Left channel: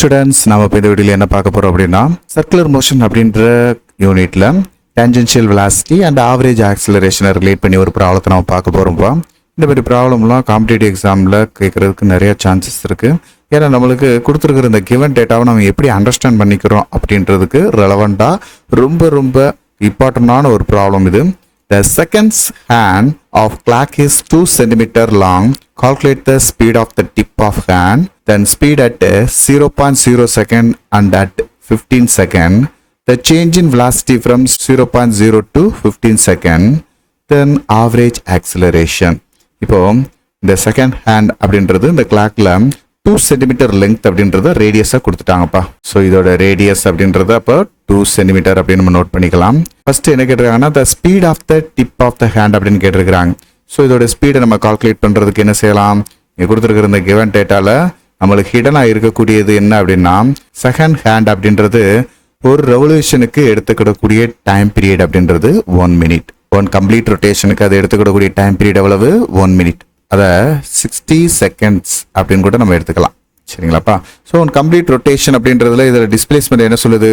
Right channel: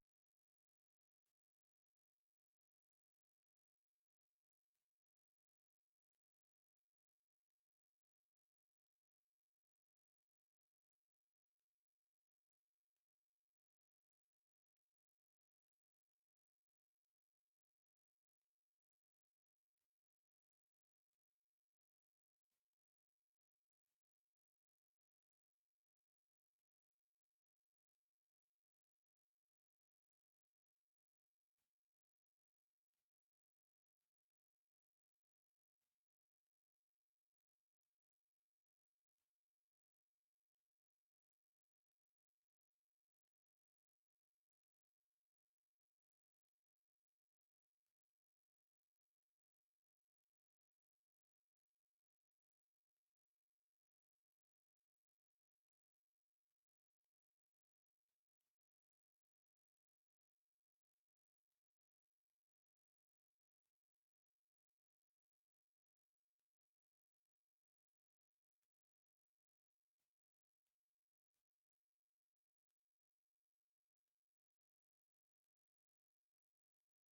Students, நாம இப்போ இந்த வீடியோவில் என்ன பார்க்க போகிறோம் அப்படின்னா சர்க்குலர் மோஷன் அப்படின்ற யூனிட்ல டேஞ்சென்ஷியல் வெலாசிட்டி அண்ட் ஆவரேஜ் ஆக்சிலரேஷனை ரிலேட் பண்ணி ஒரு ப்ராப்ளத்தை நம்ம பார்க்க போகிறோம்ப்பா. இந்த மாதிரி ப்ராப்ளம்லாம் காம்படிட்டிவ் எக்ஸாமில் கேட்குறதுக்கு நிறைய சான்சஸ் இருக்குது. ஏன்னா நம்மளுக்கு கொடுத்துருக்குற இந்த கிவன் டேட்டாவை நம்ம எப்படி அண்டர்ஸ்டாண்ட் பண்ணிக்கிறோம் அப்படின்றதுக்கு ரெலவெண்ட்டாக ரொம்ப இம்பார்ட்டண்டான ஒரு ப்ராப்ளம் இது. The seconds hand of clock is 2 cm long. Calculate the speed of the tip of hand. Then speed at 0.0 second and at 15 second. The change in velocity from 0.0 to 15 second. Then average acceleration. இப்போ இந்த second hand அப்படின்றது இந்த கிளாக்ல 2 centimetre length அப்படின்றத ரேடியஸா கொடுத்துட்டாங்கப்பா. So இதோட radius அப்படின்றத அப்போ 2 centimetre அப்படின்னு நம்ம நோட் பண்ணிக்கலாம். ஃபர்ஸ்ட் என்ன கேட்டிருக்காங்கன்னா the speed of the tip of the hand அப்படின்னு கேட்டிருக்காங்க. ஸோ இதோட ஸ்பீடை நம்ம கால்குலேட் பண்றதுக்கு என்ன செய்யலாம்? இங்கே கொடுத்துருக்கிற இந்த கிவன் டேட்டால நம்மளுக்கு ஹிடனாக இருக்கக்கூடியது என்ன அப்படின்னா செகண்ட் ஹேண்ட் அப்படின்றது ஒரு ரெவல்யூஷனுக்கு எடுத்துக்கிடக்கூடிய டைம் பீரியட் அப்படின்றது 1 மினிட். ஒன் கம்ப்ளீட் ரொட்டேஷனுக்கு அது எடுத்துக்கிடக்கூடிய டைம் பீரியட் எவ்வளவு? 1 மினிட். அதை 60 செகண்ட்ஸ் அப்படின்னு கூட நம்ம எடுத்துக்கலாம். சரிங்களாப்பா? ஸோ ஒன் கம்ப்ளீட் ரொட்டேஷன் அப்படின்றதுல இதில் டிஸ்பிளேஸ்மெண்ட் என்ன சொல்லுது?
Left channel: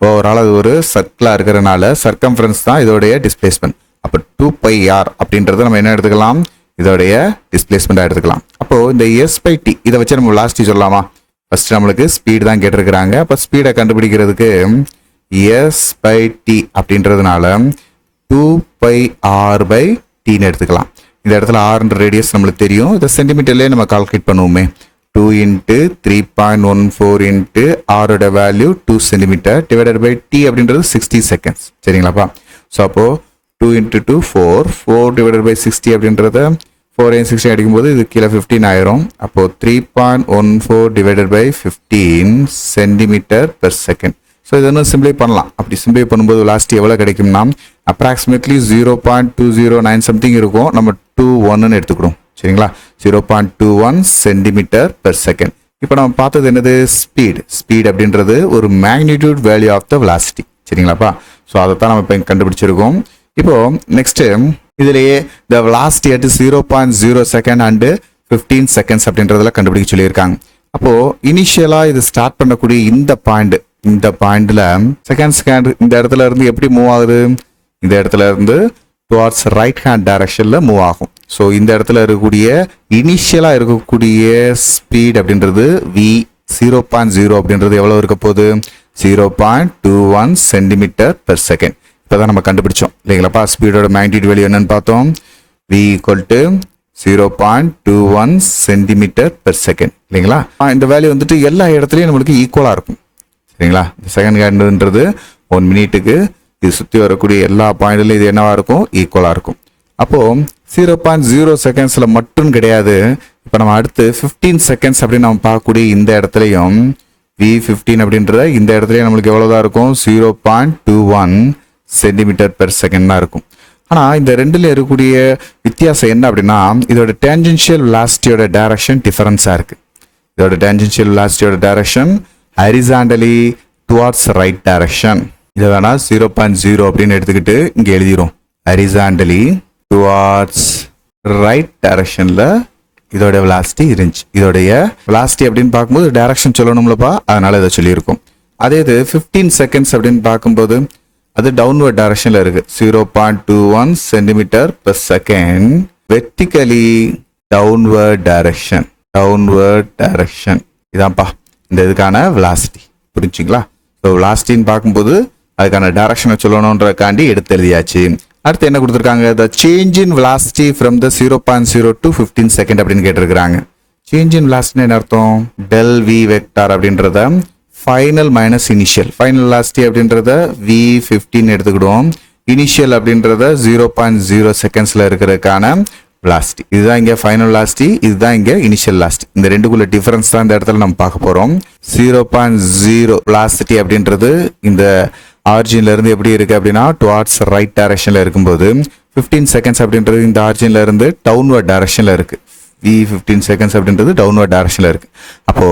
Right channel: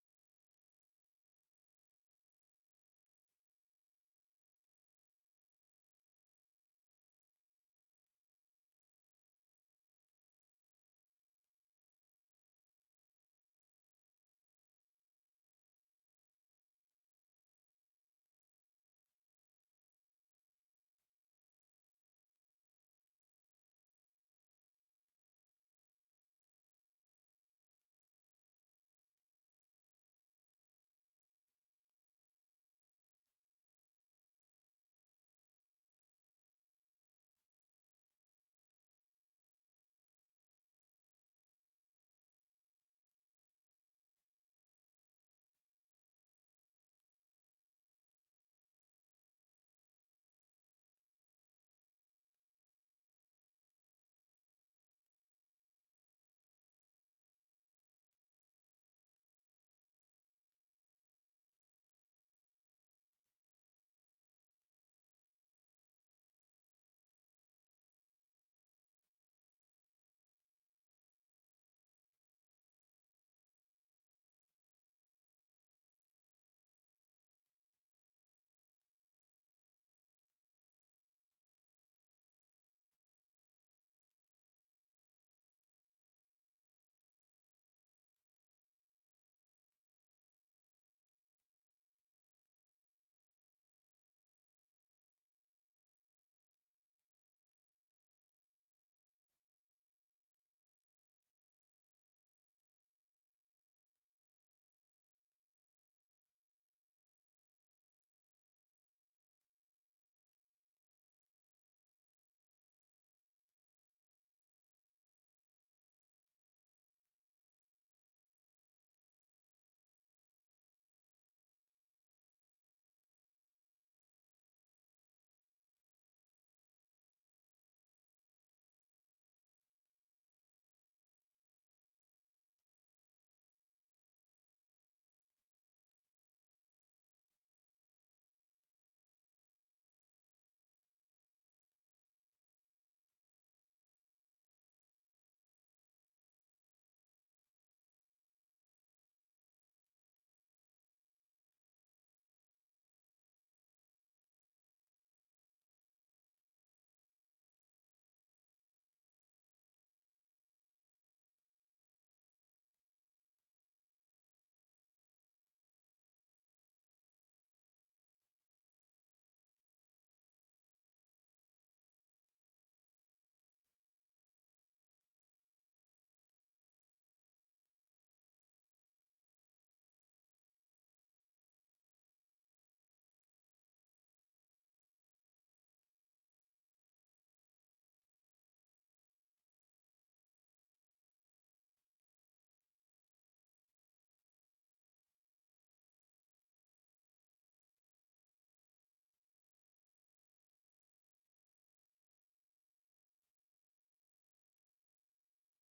ஓவரால் அது ஒரு சர்க்கிளாக இருக்கிறனால சர்க்கம்ஃபரன்ஸ் தான் இதோடைய டிஸ்பிளேஸ்மெண்ட். அப்போ 2πr அப்படின்றத நம்ம என்ன எடுத்துக்கலாம்? இதோடைய டிஸ்பிளேஸ்மெண்ட்டாக எடுத்துக்கலாம். அப்போது இந்த s/t இதை வச்சு நம்ம வெலாசிட்டி சொல்லலாமா? ஃபர்ஸ்ட் நம்மளுக்கு ஸ்பீடு தான் கேட்டிருக்கிறாங்க. அப்போ ஸ்பீடை கண்டுபிடிக்கிறதுக்கு s/t அப்படின்றதுனால 2πr/tன்னு எடுத்துக்கலாம். இந்த இடத்துல ஆர்ன்ற ரேடியஸ் நம்மளுக்கு தெரியும். இதை சென்டிமீட்டர்லேயே நம்ம கால்குலேட் பண்ணுவோமே. 2 × 3.14 × ஆரோட value 2 centimetre divided by t அப்படின்றது 60 செகண்ட்ஸ். சரிங்களாப்பா? ஸோ அப்போது 2 × 2 4 டிவைடட் பை 60 அப்படின்றத 4 × 60 அடிக்கும்போது இது கீழே 15 ஆயிரும். அப்போது 3.14 divided by 15 centimetre per second. So இது இன்னும் சிம்பிளை பண்ணலாம். அப்படி சிம்பிளை பண்ணும்போது லாஸ்ட் எவ்வளோ கிடைக்கும்னா அப்ராக்சிமேட்லி 0.209 சம்திங் இருக்கும். நம்ம 21ன்னு எடுத்துக்கிறோம். சரிங்களா? 0.21 சென்டிமீட்டர் பெர் செகண்ட். இப்போ நம்ம பார்த்தது என்னது? ஸ்பீட் அப்படின்றது ஒரு magnitude value of the velocity. சரிங்களாப்பா? ஸோ அதை தான் நம்ம இப்போ கண்டுபிடிச்சிருக்கோம். இப்போ நெக்ஸ்ட் இதுலேயே the velocity at 0.0 second and 15 seconds அப்படின்றதுல கண்டுபிடிக்க சொல்லியிருக்காங்க. அப்போ இனிஷியலா இது ஸ்டார்ட் பண்ணக்கூடிய இந்த பாயிண்ட்ல செகண்ட் இந்த இடத்துல இருந்து எப்படி மூவ் ஆகுது? இந்த இடத்துல இருந்து டுவார்ட்ஸ் ரைட் ஹேண்ட் டைரக்ஷன்ல மூவ் ஆகும். ஸோ இந்த இடத்துல இருக்கக்கூடிய இனிஷியலா இருக்கக்கூடிய ஸ்பீட் அப்படின்றது v0.0 அப்படின்றது எவ்வளவு இருக்க போகுது? 0.21 சென்டிமீட்டர் பெர் செகண்ட். இப்போதான் நம்ம கண்டுபிடிச்சோம் இல்லைங்களாப்பா? ஸ்பீடோட மேக்னிடியூட் வேல்யூ என்னன்னு பார்த்தோம். v = 0.21 சென்டிமீட்டர் பெர் செகண்ட் இல்லைங்களா? இந்த வேல்யூ வந்துட்டு எல்லா இடத்துலையும் நம்மளுக்கு ஈக்குவலா இருக்கும். சரிங்களா? இந்த செகண்ட் ஹேண்டுன்றது 1 மினிட்டுக்கு இது சுற்றி வரக்கூடிய எல்லா பாயிண்ட்லையும் இது என்னவா இருக்கும்? ஈக்குவலாக இருக்கும். அப்போது 0.0 செகண்ட்ஸில் மட்டும் கிடையாது. இப்போ நம்ம அடுத்து 15 செகண்ட்ஸ் அப்படின்னு நம்ம பார்க்கக்கூடிய இந்த இடத்துலையும் v15 அப்படின்றத இந்த இடத்துலையும் நம்மளுக்கு எவ்வளோதான் இருக்கும்? 0.21 சென்டிமீட்டர் பெர் செகண்ட் தான் இருக்கும். ஆனால் இந்த ரெண்டுல இருக்கக்கூடிய வித்தியாசம் என்ன அப்படின்னா இதோட டேஞ்சென்ஷியல் வெலாசிட்டியோட டைரக்ஷன் டிஃபரன்ஸாக இருக்குது. இதோட டேஞ்சென்ஷியல் வெலாசிட்டியோட direction horizontally towards right direction. இதை வேணா 0.0 அப்படின்னு எடுத்துக்கிட்டு இங்கே எழுதிரும். ஹரிசாண்டலி டுவார்ட்ஸ் ரைட் டைரக்ஷன்ல இதோட வெலாசிட்டி இருந்துச்சு. இதோடைய வெலாசிட்டி அப்படின்னு பார்க்கும்போது டைரக்ஷன் சொல்லணும்லப்பா, அதனால இதை சொல்லியிருக்கோம். அதே இது 15 செகண்ட்ஸ் அப்படின்னு பார்க்கும்போது அது டவுன்வர்ட் டைரக்ஷன்ல இருக்கு. 0.21 centimetre per second vertically downward direction. இதான்ப்பா இந்த இதுக்கான வெலாசிட்டி. புரிஞ்சுங்களா? ஸோ வெலாசிட்டின்னு பார்க்கும்போது அதுக்கான டைரக்ஷனை சொல்லணுன்றக்காண்டி எடுத்து எழுதியாச்சு. அடுத்து என்ன கொடுத்துருக்காங்க? The change in velocity from the 0.0 to 15 second அப்படின்னு கேட்டிருக்கிறாங்க. சேஞ்ச் இன் வெலாசிட்டி என்ன அர்த்தம்? டெல் வி வெக்டார் அப்படின்றத final minus initial. Final velocity அப்படின்றத v15 எடுத்துக்கிடுவோம். இனிஷியல் அப்படின்றத 0.0 செகண்ட்ஸ்ல இருக்கிறதுக்கான வெலாசிட்டி. இதுதான் இங்கே ஃபைனல் வெலாசிட்டி, இதுதான் இங்கே இனிஷியல் வெலாசிட்டி. இந்த ரெண்டுக்குள்ள டிஃபரன்ஸ் தான் இந்த இடத்துல நம்ம பார்க்க போறோம். 0.0 வெலாசிட்டி அப்படின்றது இந்த ஆரிஜின்ல இருந்து எப்படி இருக்கு அப்படின்னா டுவார்ட்ஸ் ரைட் டைரக்ஷன்ல இருக்கும்போது 15 செகண்ட்ஸ் அப்படின்றது இந்த ஆரிஜின்ல இருந்து டவுன்வர்ட் டைரக்ஷன்ல இருக்கு. v15 செகண்ட்ஸ் அப்படின்றது டவுன்வர்ட் டைரக்ஷன்ல இருக்கு. அப்போ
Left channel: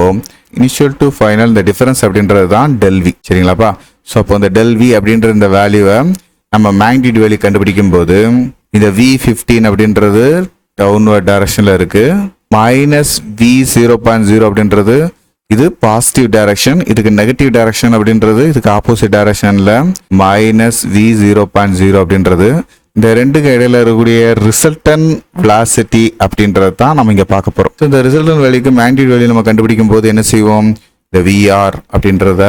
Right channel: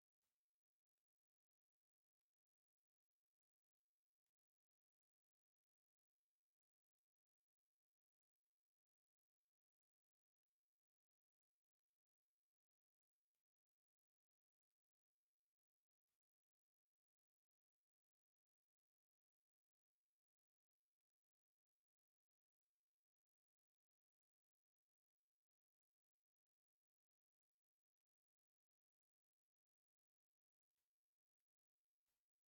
இனிஷியல் டு ஃபைனல் இந்த டிஃபரன்ஸ் அப்படின்றது தான் டெல் வி. சரிங்களாப்பா? ஸோ அப்போ இந்த டெல் வி அப்படின்ற இந்த வேல்யூவை நம்ம மேக்னிடியூட் வேல்யூ கண்டுபிடிக்கும் போது இந்த v15 அப்படின்றது டவுன்வர்ட் டைரக்ஷன்ல இருக்கு. மைனஸ் v0.0 அப்படின்றது இது பாசிட்டிவ் டைரக்ஷன், இதுக்கு நெகட்டிவ் டைரக்ஷன் அப்படின்றது இதுக்கு ஆப்போசிட் டைரக்ஷன்ல -v0.0 அப்படின்றது. இந்த ரெண்டுக்கு இடையில இருக்கக்கூடிய ரிசல்டன் வெலாசிட்டி அப்படின்றது தான் நம்ம இங்க பார்க்க போறோம். இந்த ரிசல்டன் வேல்யூக்கு மேக்னிடியூட் வேல்யூ நம்ம கண்டுபிடிக்கும் போது என்ன செய்வோம், இந்த VR அப்படின்றத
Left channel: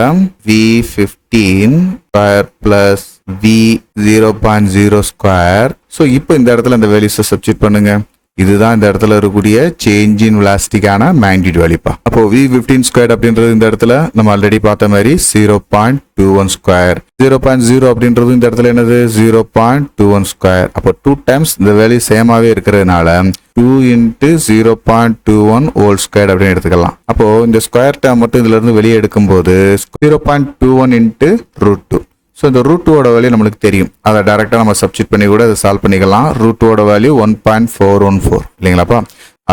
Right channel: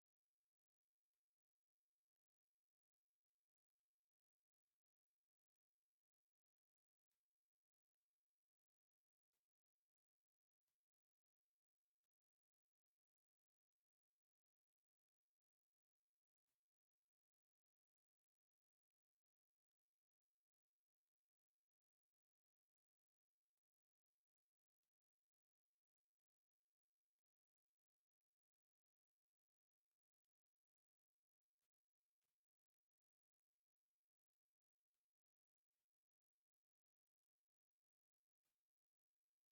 V15 square plus V0.0 square. So இப்போ இந்த இடத்துல இந்த வேல்யூஸை சப்ஸ்டிட் பண்ணுங்க. இதுதான் இந்த இடத்துல இருக்கக்கூடிய சேஞ்ச் இன் வெலாசிட்டிக்கான மேக்னிடியூட் வேல்யூப்பா. அப்போ V15 ஸ்கொயர் அப்படின்றது இந்த இடத்துல நம்ம ஆல்ரெடி பார்த்த மாதிரி 0.21 ஸ்கொயர். 0.0 அப்படின்றது இந்த இடத்துல என்னது 0.21 ஸ்கொயர். அப்போ 2 டைம்ஸ் இந்த வேல்யூ சேமாவே இருக்கிறதுனால 2 × 0.21 ஹோல் ஸ்கொயர் அப்படின்னு எடுத்துக்கலாம். அப்போ இந்த ஸ்கொயர் டேர்ம் மட்டும் இதுல இருந்து வெளியே எடுக்கும்போது 0.21 × √2. ஸோ இந்த √2 வேல்யூ நம்மளுக்கு தெரியும். அதை டைரெக்டாக நம்ம சப்ஸ்டிட் பண்ணி கூட அதை சால்வ் பண்ணிக்கலாம். √2 வேல்யூ 1.414 இல்லைங்களாப்பா.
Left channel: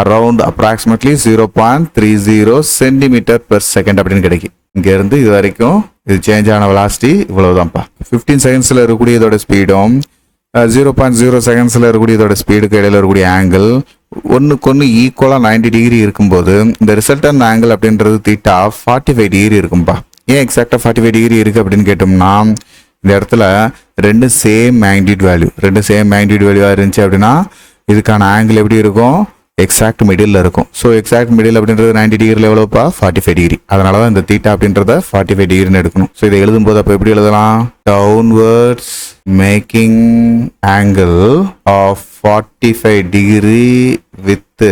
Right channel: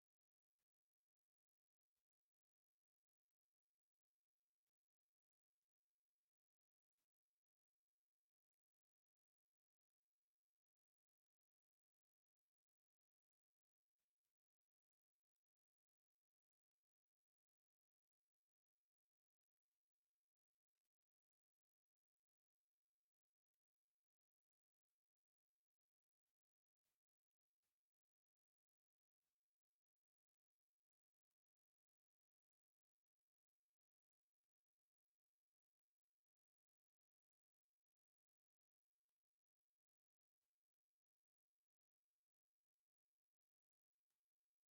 அரௌண்ட் அப்ராக்சிமேட்லி 0.30 cm/s அப்படின்னு கிடைக்கும். இங்கேருந்து இது வரைக்கும் இது சேஞ்ச் ஆன வெலாசிட்டி இவ்வளவுதான்ப்பா. 15 செகண்ட்ஸில் இருக்கக்கூடிய இதோட ஸ்பீடும் 0.0 செகண்ட்ஸில் இருக்கக்கூடிய இதோட ஸ்பீடுக்கு இடையில இருக்கக்கூடிய ஆங்கிள் ஒன்றுக்கு ஒன்று ஈக்குவலாக 90 டிகிரி இருக்கும்போது இந்த ரிசல்டன் ஆங்கிள் அப்படின்றது தீட்டா 45 டிகிரி இருக்கும்பா. ஏன் எக்ஸாக்டாக 45 டிகிரி இருக்குது அப்படின்னு கேட்டோம்னா இந்த இடத்துல ரெண்டு சேம் மேக்னிடியூட் வேல்யூவாக இருந்துச்சு அப்படின்னா இதுக்கான ஆங்கிள் எப்படி இருக்கும், எக்ஸாக்ட் மிடில் இருக்கும். ஸோ எக்ஸாக்ட் மிடில் அப்படின்றது 90 டிகிரியில் எவ்வளோப்பா 45 டிகிரி. அதனால தான் இந்த தீட்டா அப்படின்றத 45 டிகிரின்னு எடுக்கணும். ஸோ இதை எழுதும்போது அப்போ எப்படி எழுதலாம், downwards making angle of 45 degree with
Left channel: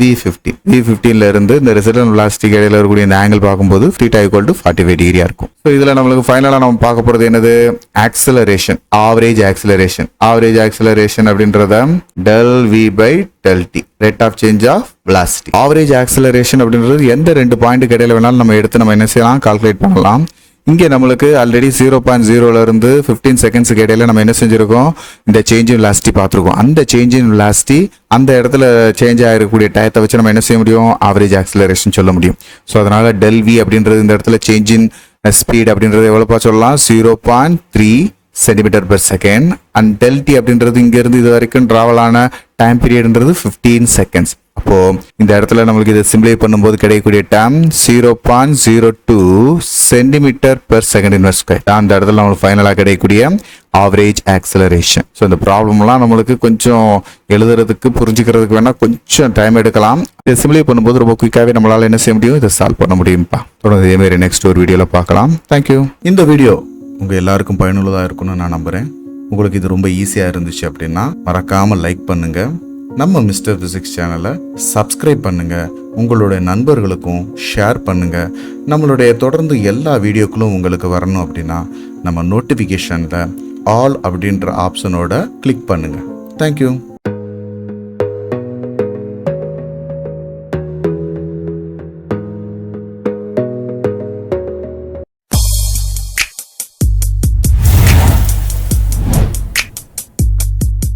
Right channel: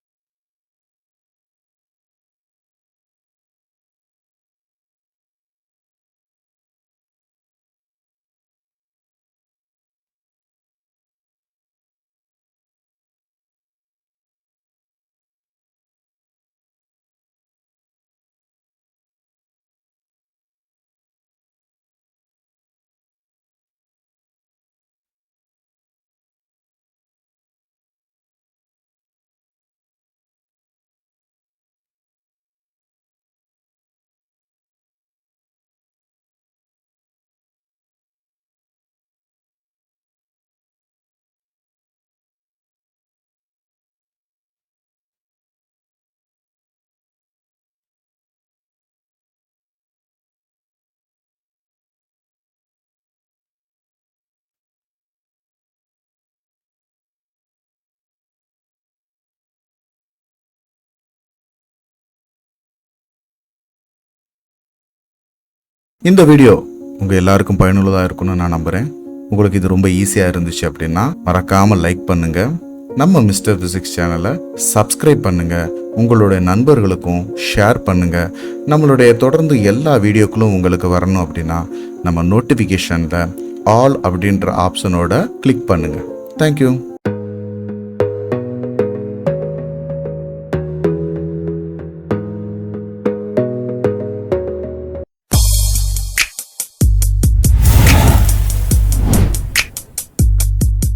V15 இருந்து இந்த ரிசல்டன் வெலாசிட்டிக்கு இடையில இருக்கக்கூடிய இந்த ஆங்கிள் பார்க்கும்போது θ = 45 டிகிரியா இருக்கும். ஸோ இதுல நம்மளுக்கு ஃபைனலா நம்ம பார்க்க போறது என்னது, ஆக்சிலரேஷன், ஆவரேஜ் ஆக்சிலரேஷன் அப்படின்றத ΔV/ΔT, rate of change of velocity. Average acceleration அப்படின்றது எந்த ரெண்டு பாயிண்ட்டுக்கு இடையில வேணாலும் நம்ம எடுத்து நம்ம என்ன செய்யலாம், கால்குலேட் பண்ணலாம். இங்கே நம்மளுக்கு ஆல்ரெடி 0.0 இருந்து 15 செகண்ட்ஸுக்கு இடையில நம்ம என்ன செஞ்சிருக்கோம், இந்த சேஞ்ச் இன் வெலாசிட்டி பார்த்துருக்கோம். அந்த சேஞ்ச் இன் வெலாசிட்டி அந்த இடத்துல சேஞ்ச் ஆகிருக்கக்கூடிய டயத்தை வச்சு நம்ம என்ன செய்ய முடியும், ஆவரேஜ் ஆக்சிலரேஷன் சொல்ல முடியும். ஸோ அதனால ΔV அப்படின்றது இந்த இடத்துல சேஞ்ச் இன் ஸ்பீட் அப்படின்றது எவ்வளோப்பா சொல்லலாம், 0.3 cm/s. அண்ட் ΔT அப்படின்றது இங்கேருந்து இது வரைக்கும் ட்ராவல் ஆன டைம் பீரியட்ன்றது 15 செகண்ட்ஸ். அப்போ இந்த இடத்துல நம்மளுக்கு இதை சிம்பிளை பண்ணும்போது கிடைக்கக்கூடிய டைம் 0.02 cm/s². அந்த இடத்துல நம்மளுக்கு ஃபைனலாக கிடைக்கக்கூடிய ஆவரேஜ் ஆக்சிலரேஷன். ஸோ இந்த ப்ராப்ளம்லாம் நம்மளுக்கு கொஞ்சம் எழுதுறதுக்கு புரிஞ்சுக்கிறதுக்கு வேணா கொஞ்சம் டைம் எடுக்கலாம். இதை சிம்பிளை பண்ணும்போது ரொம்ப குயிக்காகவே நம்மளால என்ன செய்ய முடியும், இதை சால்வ் பண்ண முடியும்ப்பா. தொடர்ந்து இதேமாரி நெக்ஸ்ட் ஒரு வீடியோவில் பார்க்கலாம். தேங்க்யூ. இந்த வீடியோ உங்கள் எல்லாருக்கும் பயனுள்ளதாக இருக்கும்னு நான் நம்புகிறேன். உங்களுக்கு இது ரொம்ப ஈஸியாக இருந்துச்சு அப்படின்னா மறக்காமல் லைக் பண்ணுங்கள். நம்ம மிஸ்டர் பிசிக்ஸ் சேனலை சப்ஸ்கிரைப் பண்ணுங்கள். உங்களுடைய நண்பர்களுக்கும் ஷேர் பண்ணுங்கள். நம்மளுடைய தொடர்ந்து எல்லா வீடியோக்களும் உங்களுக்கு வரணும் அப்படின்னா நம்ம நோட்டிஃபிகேஷனில் ஆல் அப்படின்ற ஆப்ஷனோட கிளிக் பண்ணுங்கள். தேங்க்யூ.